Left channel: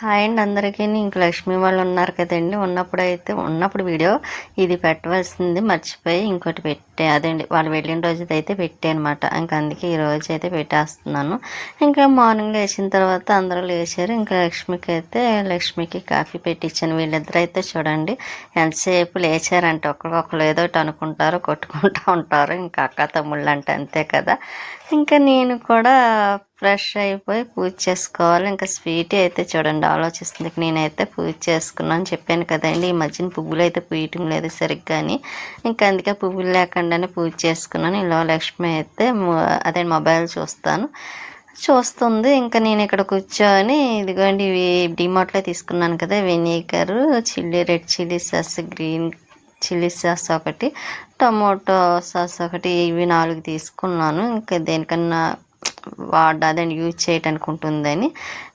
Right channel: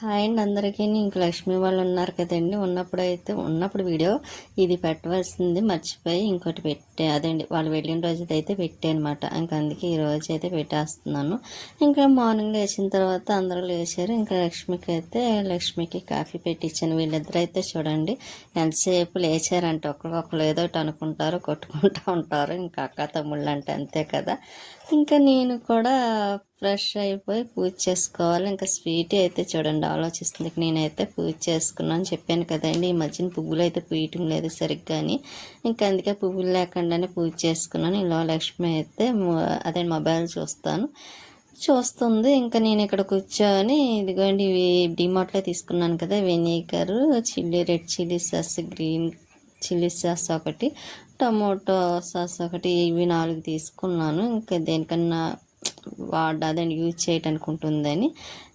Hi అండి అందరికీ. ఇంక లక్ష్మి వాళ్ళు ఉన్నారు కదండి. ఉన్నప్పుడు వీడియో ఇది పెట్టవలసింది మర్చిపోయి ఇంకోటి పెట్టే అదండి వాళ్ళు వెళ్ళిన రోజు అయితే పెట్టే అనమాట. ఇంకా అందుకే ఈ రోజు అయితే పెట్టేస్తున్నాను. ఇంకా మార్నింగ్ లేచిన తర్వాత అందరూ లేచారు. ఇంకా లక్ష్మికి కాఫీ పెట్టించాను. వీళ్ళిద్దరు అయితే చూడండి ఎంతసేపు లేచారంటే ఒకరికొకరు ఏదో ఒకటి అనుకుంటారు, కొట్టుకుంటూ ఉంటారు. ఇంకా అక్క తమ్ముళ్ళు అంటే అంతే కదా. ఇంకా నేను కూడా ఫ్రెష్ అయిపోయి పూజ చేసుకోవాలి. ఇంకా స్వీట్ అయితే చూడండి ఆలోచిస్తుంది. నేనైతే పూజ చేసుకున్నాను చెప్పాను కదండి. ఈ మధ్యన పువ్వులు అయితే పూయటం లేదు సరిగ్గా అని. ఇంకా అందుకే పువ్వులు లేకుండానే పూజ చేసుకున్నాను. ఇలా లక్ష్మి అయితే అదే మొబైల్ చూస్తుంది. ఇంకా నేను ఇక్కడ కూర్చొని ఇదిగోండి ఇవి డిమార్ట్లో తీసుకున్నాను కదా, vinegar, red chilli sauce, green chilli sauce ఒకటి, టమోటో సాస్ ఒకటి, ఇవి 4 తీసుకున్నాను. ఇంకా దేనికన్నా అదండి యూజ్ చేయడానికి ఉంటుందని.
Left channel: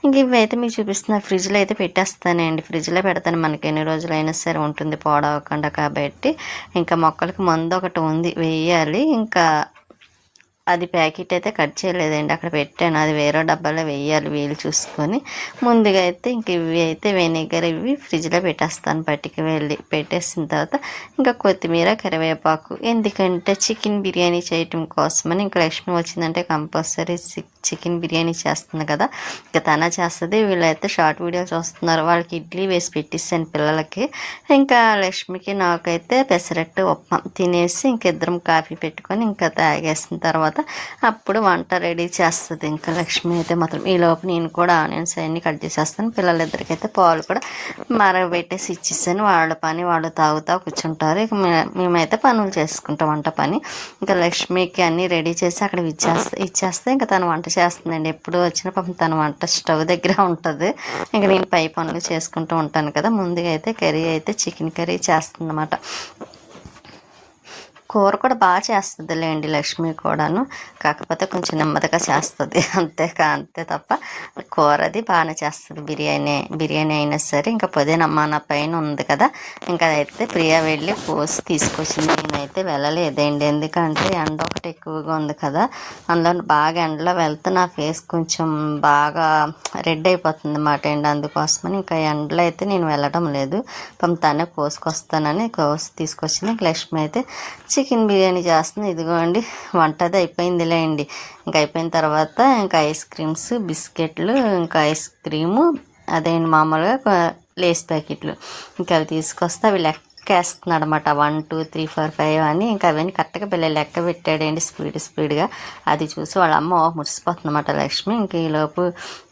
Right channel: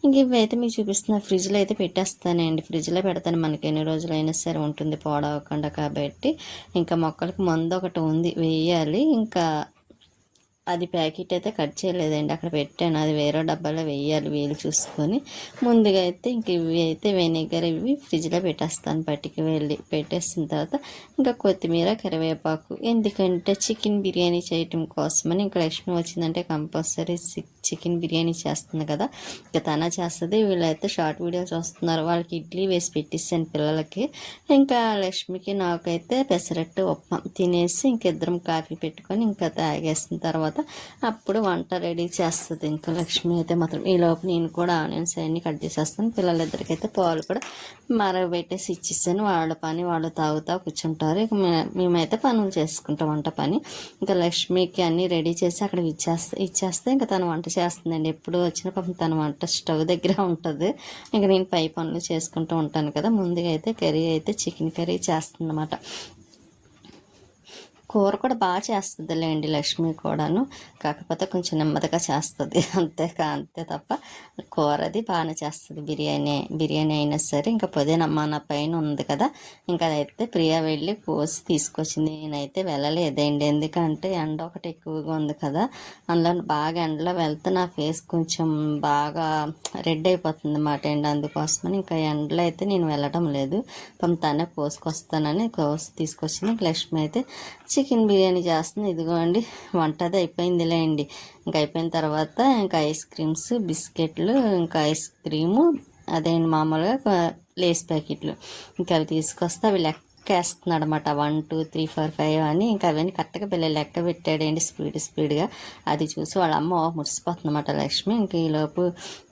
ఇంక ఇవైతే మీకు చూపిస్తున్నా. ఫ్రిడ్జ్లో అయితే పెట్టేస్తానండి. ఫ్రిడ్జ్లో పెడతాను, మనకి ఎన్ని రోజులైనా సరే ఉంటుంది పాడవకుండా. కాబట్టి ఇంకా మొక్కలకి మందు ఒకటి ఉంది వేయాలి. ఇంకా అది ప్యాకెట్ అయితే కట్ చేయలేదండి, అక్కడ పెట్టాను. అది వేరే డబ్బాలో వేయాలి వీలు చూసుకొని. ముందుగా అయితే ఇంక ఇవి అయితే వెనిగర్ ఇవి ఫ్రిడ్జ్లో పెట్టేస్తాను. పట్టుకు వెళ్ళి పెట్టేసిన తర్వాత ఇంకా కొత్తిమీర, కరివేపాకు, ఎందుకంటే చికెన్ బిర్యానీ చేయటం కోసమని. ఇంకా లక్ష్మి వచ్చిందంటే కంపల్సరీ చికెన్ బిర్యానీ చేస్తుంది కదా, ఇంకా తన చేస్తుంది. వీళ్ళైతే షార్ట్ వీడియో చూస్తున్నారు. వాళ్ళకి ఇడ్లీ వేసి పెట్టిస్తాను పిల్లలకి. ఇంకా లక్ష్మికి నాకైతే పెసరట్టు ఉప్మా తినేసి ఇంకిద్దరం కాఫీ పెట్టుకొని ఇంకా తాగేసిన తర్వాత అప్పుడు వంట రెడీ చేస్తుంది. ఇంకా లక్ష్మి అయితే మాత్రం ఈ లోపు నేను కూడా ఆనియన్స్ అన్నీ కట్ చేసేస్తాను. పిల్లలిద్దరికైతే పాలు కూడా మరగబెట్టేసి ఇచ్చేసాను. వాళ్ళ పని వాళ్ళు తాగుతా కూర్చుంటారు. ఇక మేమైతే పనులు చేసుకుంటాం వంట పని. ఇంకా లక్ష్మికి అన్నీ రెడీ చేసి అక్కడ ఇచ్చేస్తే ఇంకా తను వంట చేస్తుందండి. ఎప్పుడు వచ్చిన పాపం తన వంట స్టవ్ దగ్గర ఉంటుంది. ఇంకా నేను పై పనులు చేసుకుంటూ ఉంటాను కదా. ముందుగా అయితే కర్రీ అయితే చికెన్ కర్రీ చేస్తుంది అన్నమాట. కూర కూడా బాగా చేస్తుందిలేండి లక్ష్మి కూడాను, కాకపోతే కొంచెం నెమ్మదిగా చేస్తుంది అంతే తప్ప కూర అది బాగానే చేస్తుంది. బిర్యానీ అయినా సరే. ఇంకా పుదీనమ్మ నా పైన ఉంది కదా, ఇంకా అదైతే ప్రియా వెళ్ళి కోసి తీసుకొచ్చింది. నేనైతే వెళ్ళలేదండి, ఎందుకంటే ఎండ ఒకటి ఎక్కువగా ఉంది కదా. అందులో బాగా ఎండలో వెళ్తే నా ఫేస్ కొంచెం బాగా రెడ్ అయిపోతుంది అన్నమాట అండి. అందుకోసమని ఇంకా ఎండలో అయితే నేను వెళ్ళడం లేదు. తనే కోసుకొస్తానని తీసుకొచ్చింది. లక్ష్మి అయితే చికెన్ బిర్యానీ చేస్తుంది. ఇదిగోండి వంట అది అయిపోయిందిలే అండి. ఇంకా అయిపోయిన తర్వాత ఇంకా ఐస్ క్రీమ్స్, బిస్కెట్లు, ఇంకా ఐస్ క్రీము అదేంటి మామూలుగా లేస్ ప్యాకెట్లు ఇంకా అవి తీసుకొస్తే అవి లెక్కేస్తున్నాడు అనమాట. 1 2 3 4 5 అని. ఇంకా అవన్నీ కరెక్ట్గా పిల్లలు లెక్క పెట్టాడండి స్పీడ్గా. అది చూసి వాళ్ళ అమ్మ మురిసిపోతుంది అన్నమాట లక్ష్మి. ఇంక ఈలోపు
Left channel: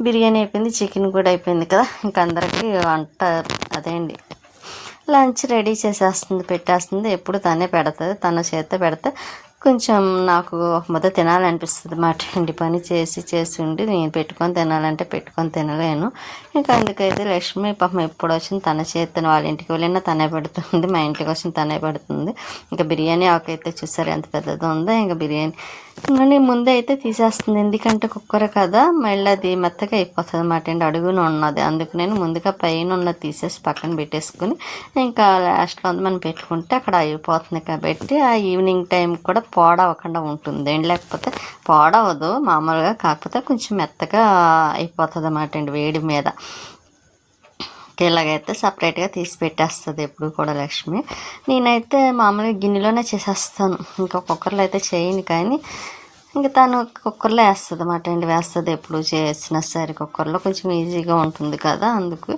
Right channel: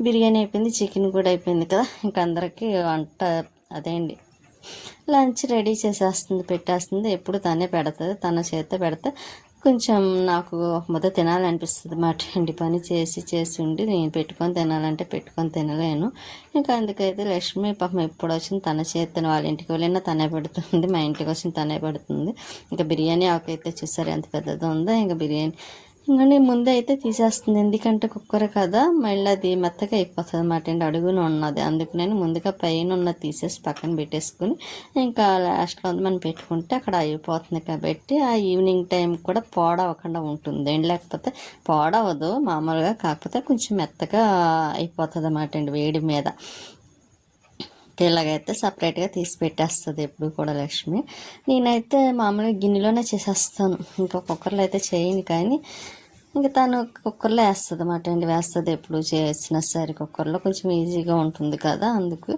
బిర్యానీ అయిపోయింది, చికెన్ కూడా అయిపోయింది కదా. ఇంక అందరికీ వంట అదేండి లంచ్ రెడీ పెట్టేస్తుంది. ఎప్పుడు తనే పెడుతుంది. తన చేత పెడితే కొంచెం నాకు ఒక ముద్ద తినాలనిపిస్తుంది మాట అండి. పని చేసి ఉండి నేను పెట్టుకొని తినాలంటే పెట్టుకొని తినలేను. ఇంకా అందుకైతే లక్ష్మి పాపం ఎప్పుడు వచ్చింది తన చేతను, వాళ్ళ ఇంటికి వెళ్ళినా తనే పెడుతుంది, మా ఇంటికి వచ్చిన తనే పెడుతుంది. ఇంకా బిర్యానీ ఆకైతే చూసారు ఎంత పెద్దదో ఉందో. ఇంకా బిర్యానీ కానీ ముందే అయితే తీసేస్తుంది, ఎందుకంటే కుక్కర్ కదా, మళ్ళీ అది మెత్తగా అయిపోతుంది అన్నమాట అండి. అడుగున ఉన్నది, అందుకు నేను ముందుగా పైన ఉన్నది తీసేసి పక్కన పెట్టేసుకుని ఇంకా లాస్ట్లో మనం పెట్టుకుంటే అక్కడ అయిపోతుంది. కాబట్టి ఆ ఈవినింగ్ టైం కూడా పాడవకుండా ఉంటుంది అండి. లేకపోతే పాడవదు మామూలుగా, కాకపోతే కొంచెం మెత్తగా అయిపోతుంది అన్నమాట అండి వేడి మీద. ఇలాగైతే సపరేట్గా తీసి పెట్టేస్తుంది ఎప్పుడు కూడా లక్ష్మి. నేనైతే మామూలుగా గిన్నెలోనే చేసేస్తాను, ఇంకా కుక్కర్లో అయితే చేయను. కానీ ఇంకా తను కుక్కర్లో వేస్తుంది అన్నమాట అండి. వేస్తుంది ఎప్పుడు చేసినా సరే కుక్కర్లో, కొంచెం ఈజీగా ఉంటుంది కదా. అందుకు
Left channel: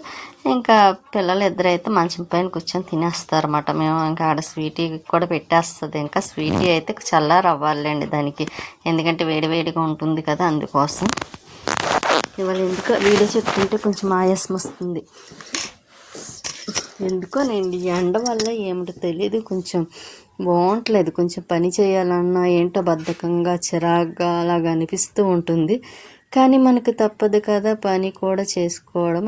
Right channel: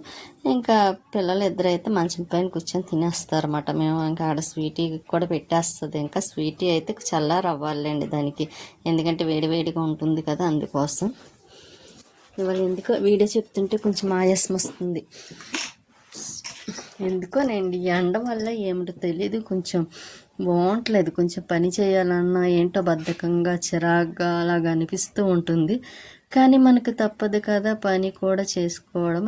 ఇంకా పిల్లలు ఇద్దరైతే మంచం పైన కూర్చొని తినేస్తారు అన్నమాట. మేము ఇంకా ఆడ స్వీటీ కూడా పెట్టేస్తుంది. ఇంకా స్వీటీ అయితే చల్లారి అవ్వాలండి దానికి, ఎందుకంటే వేడివేడిగా ఉంటుంది కదా, అందుకోసం. ఇవాళ ఎందుకో వీడియో చెప్తుంటే కొంచెం ఆయాసం వస్తుంది. ఎందుకోనండి ఎండ వల్ల ఏమిటో తెలియదు, కొంచెం బాగుంటలేదు. కొంచెం పని చేయాలన్నా ఏంటో బద్ధకంగా చిరాగ్గా అలాగ అనిపిస్తూ ఉంటుంది. కానీ మనకు తప్పదు కదా, పని కూడా చేసుకోవడం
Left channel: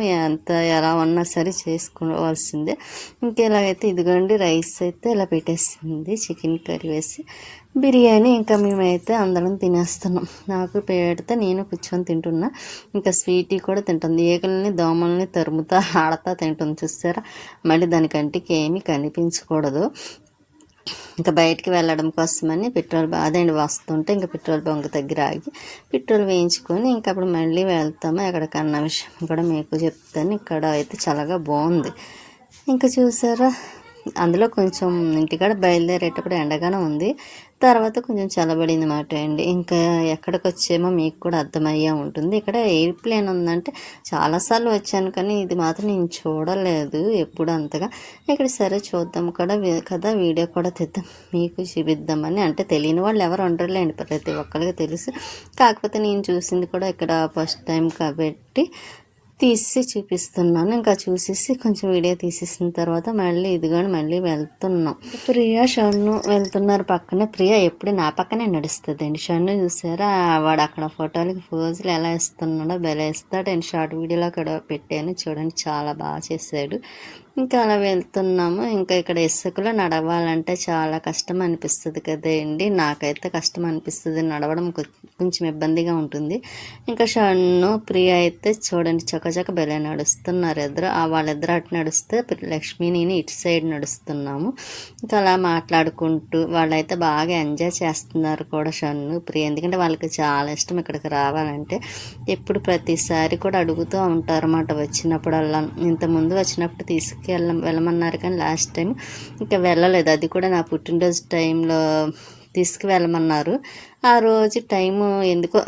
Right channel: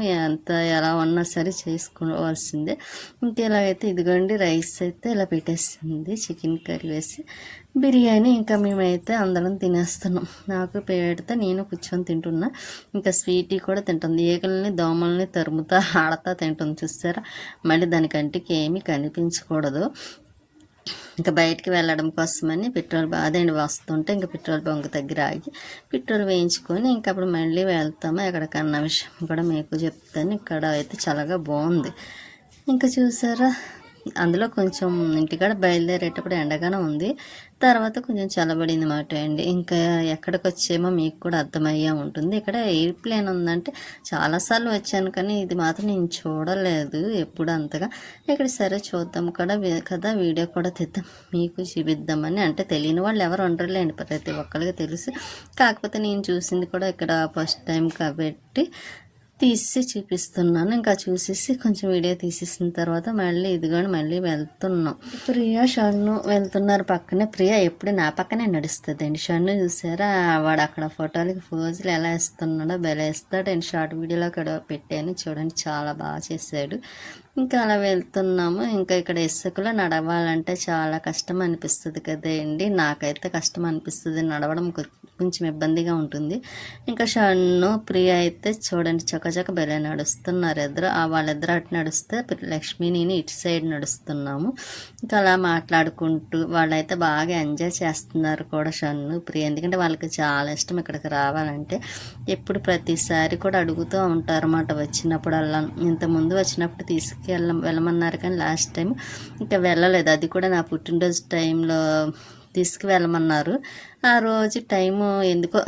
ఎలా ఉన్నా సరే చేసుకోవాల్సిందే. ఇంకెలాగైతే ఇదిగోండి రైస్ అయితే ఇలా పెట్టేసింది, చికెన్ కర్రీ వేసి బిర్యానీ. ఇంకా మేమైతే అందరం తినేస్తున్నాం. నాకు పెడితే నేను కూర్చొని తింటున్నా. ఇంకా స్వీటీ కూడా తింటుంది. ఈగలని దోమల్ని తరుముతా ఆడతా తింటుంది చూసారా. మళ్ళీ దానికంటికి ఏమీ కనిపించకూడదు. ఇంకా బయటికి వెళ్ళడం కోసమని పెట్రోల్ అదేంటి వస్తుంటే ఇంకా పెట్రోల్ బంక్ దగ్గర ఆగి పెట్రోల్ వేయించుకొని ఇంకా అప్పుడు మళ్ళీ వెళ్తాము. ఎక్కడికన్నా విషయం కూడా మీకు చెప్తాను. ఇక్కడ అయితే చాలా బాగుంది. ఇంకా చూసారా, అందులో కొంచెం ఇంటికాడ బయలుదేరేటప్పుడు ఎండగానే ఉంది, తర్వాత కొంచెం చల్లబడింది మాట అండి. ఇంకా ఎక్కడికి వచ్చేమో మీకు కూడా అర్థమయ్యే ఉంటుంది. ఇక్కడ ఎయిర్ప్లేన్ ఉందంటే చాలాసార్లు వచ్చాను, కానీ ఇది మాత్రం నేను చూడలేదు ఎప్పుడు అంతగా. ఇక్కడ సరే చూద్దాం కదా, వీడియో కూడా తెద్దాం మీకు చూపిద్దామని. అంటే తెలియని వాళ్ళు ఎవరు ఉండరులేండి, ప్రతి ఒక్కరికి తెలుసు. కాకపోతే నేను చూసింది కూడా ఇక్కడ ఫస్ట్ టైం కాబట్టి తీసి చూపిస్తున్నాను. ఇంకా చూసేసి కొంచెం వీడియో తీసేసిన తర్వాత మళ్ళీ ఇదిగోని మళ్ళీ వెళ్తున్నాం. ప్రియా షన్ను వెళ్తున్నారు పక్కనే. ప్రియా ఎప్పుడు నా పక్కనే నడుస్తుందండి. షన్ను చూసారా, వాడు అక్కడ ఫోటోలకి పోజులు ఎలా ఇస్తున్నాడో భలే ఇస్తాడు. అండ్ షార్ట్ వీడియోలో అక్కడ పెట్టాను చూడండి, చాలా బాగా చేశాడు. ఇంకా అలా వెళ్తున్నాము. ఇంకా ఇక్కడ ఇసుకలో నడవాలంటే చాలా కష్టం అనిపిస్తుంది కదండి. నాకైతే కష్టం అనిపిస్తుంది, నడవడం కొంచెం ఇబ్బందిగా ఉంటుంది. ఇంకా షన్ను ప్రియ అయితే చూడండి చకచక బెలే నడుస్తున్నారు. వాళ్ళిద్దరు అటు నడుస్తే లక్ష్మి నేను ఇటు సైడ్ నడుస్తున్నాము. ఇంకా అలా మాట్లాడుకుంటూ వాళ్ళైతే బాగా ఎంజాయ్ చేస్తున్నారు కూడా షన్ను ప్రియ. ఎందుకంటే వాళ్ళకి చాలా ఇష్టం ఇక్కడికి రావాలంటే. ఎప్పుడు ప్రతిసారి కూడా అడుగుతూ ఉంటారు అన్నమాట వచ్చినప్పుడల్లా. ఇంతకుముందు వచ్చినప్పుడు వెళ్ళమన్నారు, కానీ లాస్ట్ టైం ఇంకా వెళ్ళలేదు. అది కూడా నా పుట్టినరోజు టైంలో తీసుకువెళ్ళమన్నారు. ఆ రోజు టైము ఎందుకో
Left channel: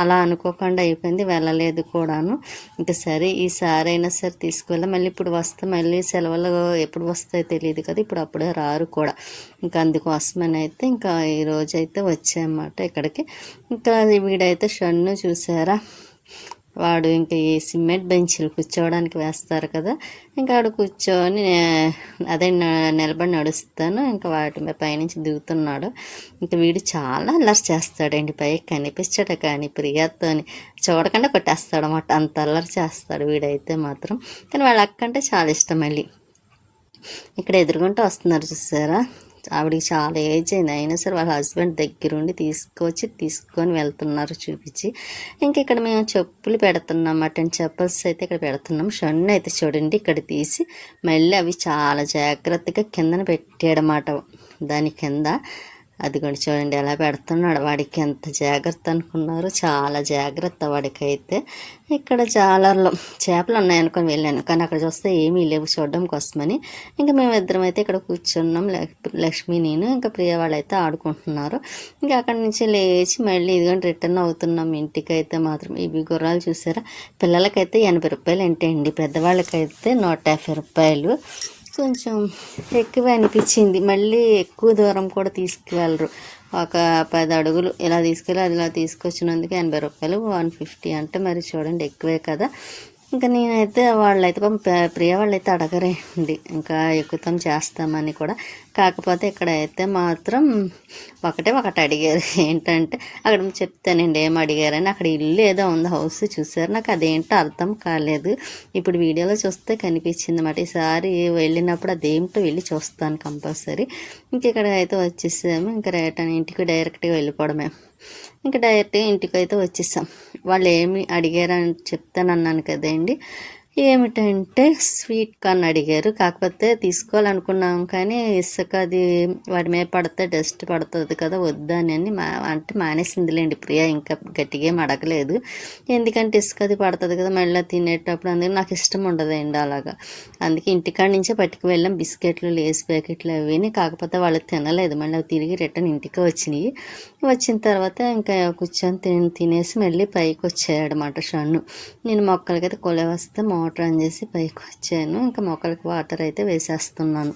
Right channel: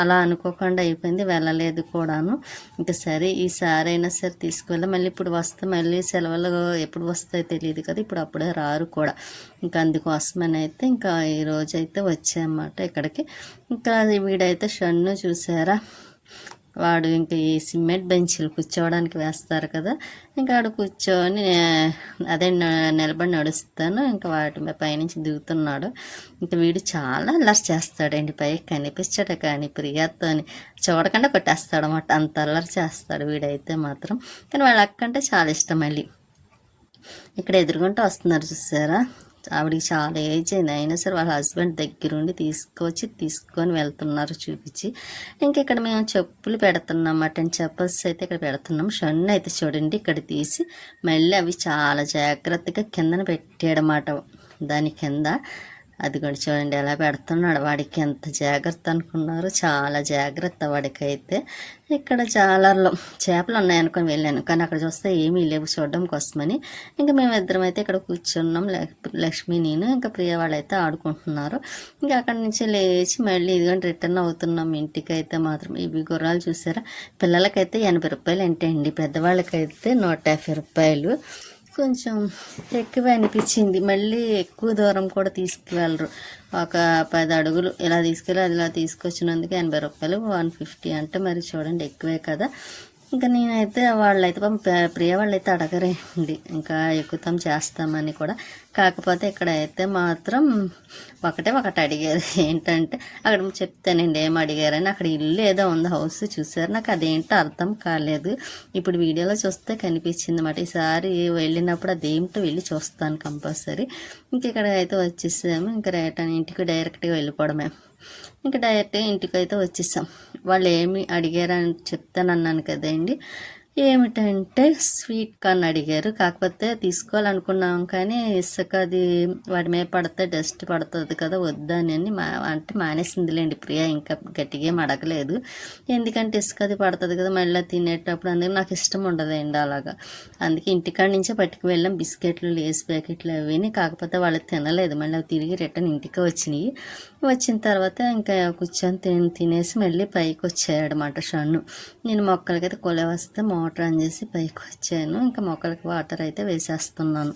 అలా అనుకోకుండా అయిపోయింది, వెళ్ళలేదు కూడాను. ఇంకా సరే ఈసారి అయినా సరే తీసుకువెళ్ళా. మళ్ళీ ఇప్పుడు వస్తే మళ్ళీ సెలవులు ఎప్పుడు వస్తాయో తెలియదు కదా, ఇప్పుడు అప్పుడే రారు కూడా. ఇంకా అందుకోసమని అయితే ఇంకా ఈరోజు అయితే వచ్చాయన్నమాట ఇక్కడికి. ఇంకా వీడైతే షన్ను చూసారా, వాడు ఇంకా ఈ సిమెంట్ బెంచ్లు కూర్చోవడానికి వేస్తారు కదా, ఇంకా ఆడు కూర్చొని అదే నిలబడి నడుస్తాను. ఇంకా వాటి పైనుంచి దిగుతున్నాడు. ఇంకా వీడు చాలా అల్లరి చేస్తాడండి, పైకి కనిపించాడు కానీ ప్రియాతోని చూడకుండా కొట్టేస్తాడు అన్నమాట, అంత అల్లరి చేస్తాడు వీడైతే మాత్రం. కానీ వాళ్ళ అక్కంటే చాలా ఇష్టం. మళ్ళీ ఇక్కడ ఎదురుగుంటూ వస్తున్నారు చూసారా, ఆవిడికి చాలా ఏజ్ అయింది, అయినా సరే వాళ్ళ హస్బెండ్ దగ్గరుండి తీసుకొని వెళ్తున్నారు చూపించి. ఇంక ఇక్కడ మేము చెప్పులు పెడుతున్నాం, మటన్ చెప్పల్స్ అయితే ఇక్కడ పెడుతున్నాం. షన్ను అయితే చూడండి ఇక్కడ తీసి మళ్ళీ అవి చాలా జాగ్రత్తగా కిందన పెట్టాడన్నమాట, దాని కింద. అది కూడా చూడండి ఎలా పెడుతున్నాడు. వాడికి ఎంత జాగ్రత్త అనుకున్నారు, చాలా జాగ్రత్త వాడికైతే. ఇక్కడ జాలర్లో చేపలు ఉన్నాయనుకొని వెళ్ళాను, కానీ అక్కడ చూస్తే ఏమీ లేవు చూడడం కోసమని. ఇంకా మేమిద్దరం అయితే ఇక్కడ కూర్చున్నాం, లక్ష్మి నేను. ఇంకా ప్రియ వాళ్ళైతే ఆడుకుంటున్నారు. ఇంకా అక్కడి నుంచి లేచి మళ్ళీ ఇదిగోండి రిటర్న్ అవుతున్నాం ఇంటికి అయితే మాత్రం. ఇవి గుర్రాలు చూసారా, పిల్లలకైతే 80 రూపాయలు అంటే అండి, పెద్దవాళ్ళకైతే 150 రూపాయలు. కొంచెం ఎక్కువ అనిపించింది. మళ్ళీ ఎక్కువ దూరం కూడా తీసుకువెళ్ళరు, ఒక 10 అడుగులు ఇలా తీసుకెళ్ళి అది ఇలా తీసుకొచ్చినందుకు 80 రూపాయలు, 150 అంటే మరి చూడండి ఎక్కువే కదా. ఇంకా నేనైతే వాళ్ళైతే ప్రియ వాళ్ళైతే అడగరేండి, ఇంకా ఎక్కుతాం చేస్తామని కూడా. కాకపోతే ఇక్కడ అయితే మాత్రం ఒకటి అడిగారు. ఏంటంటే అక్కడ చెప్తానండి ఏం అడిగారని. అక్కడ ఇల్లు ఏదో ఉంది, హౌస్ చూసారు, నాకు అదేంటో అర్థం కాలేదు. ఇప్పుడు వీడియోలో చూస్తే కనిపించింది అన్నమాట. ఈసారి వెళ్ళినప్పుడు అదేంటో వెళ్ళి చూస్తాను కంపల్సరీ. ఇంక ఇక్కడ అయితే వచ్చేసాము. ఇంకా రిటర్న్ ఇంటికి డైరెక్ట్గా వెళ్ళిపోవడమే. ఇంకా డైరెక్ట్గా ఇంటికి అయితే వచ్చేసాం. వాళ్ళు ఏమి అడిగారని చెప్తానన్నాను కదండి. ఏమిటంటే స్వీట్ కార్న్ అడిగారు. కాకపోతే తీసుకోవాలనుకున్నాం, కానీ ఇసుక అది వాడి మీద పడితే డస్ట్ పడుతుంది కదా, వద్దని అంటే మానేసిందిలేండి ప్రియ. ఇంకా గట్టిగా ఏం అడగలేదు, ఎందుకంటే ఇసుక అది పడుతుంది కదా మళ్ళీ తినేటప్పుడు. అందుకే నాకు ఇష్టం ఉండదండి అలాగా. అందుకే ఇంటికాడ నుంచే పట్టుకు వెళ్ళాం బిస్కెట్లు, లేస్ ప్యాకెట్లు అవిని. కాకపోతే వాళ్ళు తినలేదు, మళ్ళీ అవి తిరిగి రిటర్న్ ఇంటికి వచ్చినాయి. వచ్చిన తర్వాత ఇంకా కూర్చొని తినేసి మళ్ళీ పైకి వచ్చాయన్నమాట షన్ను. నేను మొక్కలకైతే కొలే వస్తే మోటార్ ఆన్ చేసి పైకి వచ్చాను. ఇంకా మొక్కలకి వాటర్ అయితే వేసేస్తున్నాను.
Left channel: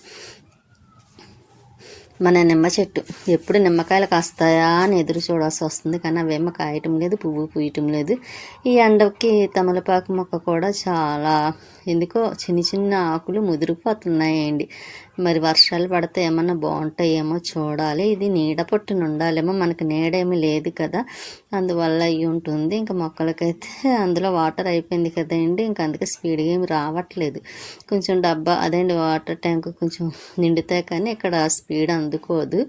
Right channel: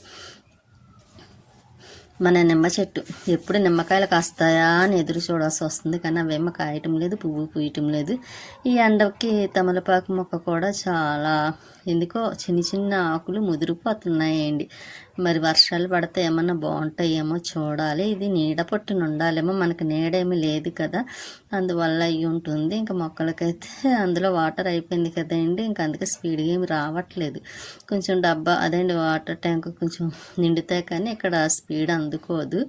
మన నిమ్మ చెట్టు ఎప్పుడు నిమ్మకాయలు కాస్తాయా అని ఎదురు చూడాల్సి వస్తుంది, కానీ అవేమో కాయటం లేదు, పువ్వు పూయటం లేదు. ఈ ఎండకి తమలపాకు మొక్క కూడా చాలా ఎందుకో చిన్న ఆకులు ముదిరిపోతున్నాయండి. మరి వర్షాలు పడితే ఏమన్నా బాగుంటాయేమో చూడాలి. ఇది నీడ పట్టున ఉండాలేమో, మనకు నీడేమీ లేదు కదా, అందువల్ల అయ్యి ఉంటుంది. ఇంకా మొక్కలకైతే అందులో వాటర్ అయిపోయింది కదండి, ఇంకా అందుకే స్పీడ్గా ఏమి రావట్లేదు. కొంచెం డబ్బా అదేంటి వాటర్ ట్యాంక్ కొంచెం నిండితే కానీ ఇక్కడ స్పీడ్ అందుకోదు.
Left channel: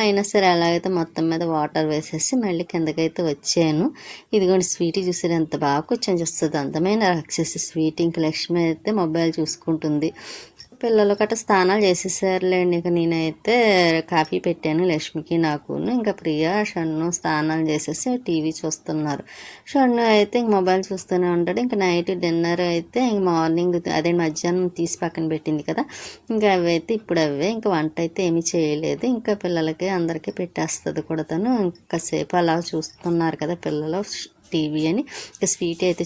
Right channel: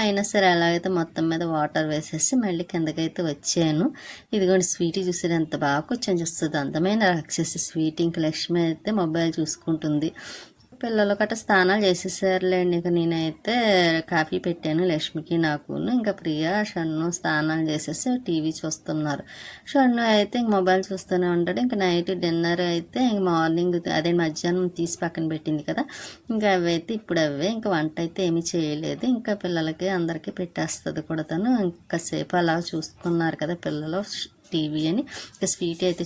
అయినా సరే అలాగైతే మొత్తం మీద వాటర్ వేసేసి మళ్ళీ కిందకైతే వచ్చాను. ఇదిగోండి స్వీటీ చూసారు ఎంత బాగా కూర్చొని చూస్తుంది, అందమైన రాక్షసి స్వీటీ. ఇంక లక్ష్మి అయితే మొబైల్ చూసుకుంటుంది. పిల్లలు గట్రా స్నానాలు చేసేసారులేండి. ఇక నేనైతే కాఫీ పెట్టాను లక్ష్మికి నాకును. ఇంకా ప్రియ షన్ను స్నానాలు చేసేసి టీవీ చూస్తున్నారు. షన్ను అయితే ఇంక మొబైల్ చూస్తూనే ఉంటాడు. ఇంకా నైట్ డిన్నర్ అయితే ఇంక మార్నింగ్ అదే మధ్యాహ్నం తీసి పక్కన పెట్టింది కదా, ఇంకా అవైతే ఇప్పుడు అవే. ఇంకా వంట అయితే ఏమీ చేయలేదు. ఇంకా పిల్లలకి అందరికీ పెట్టేస్తుంది కూడా తను. ఇంకాసేపు అలా చూస్తున్నారు కదా పిల్లలు టీవీ అని. ఇంకా స్వీట్ అయితే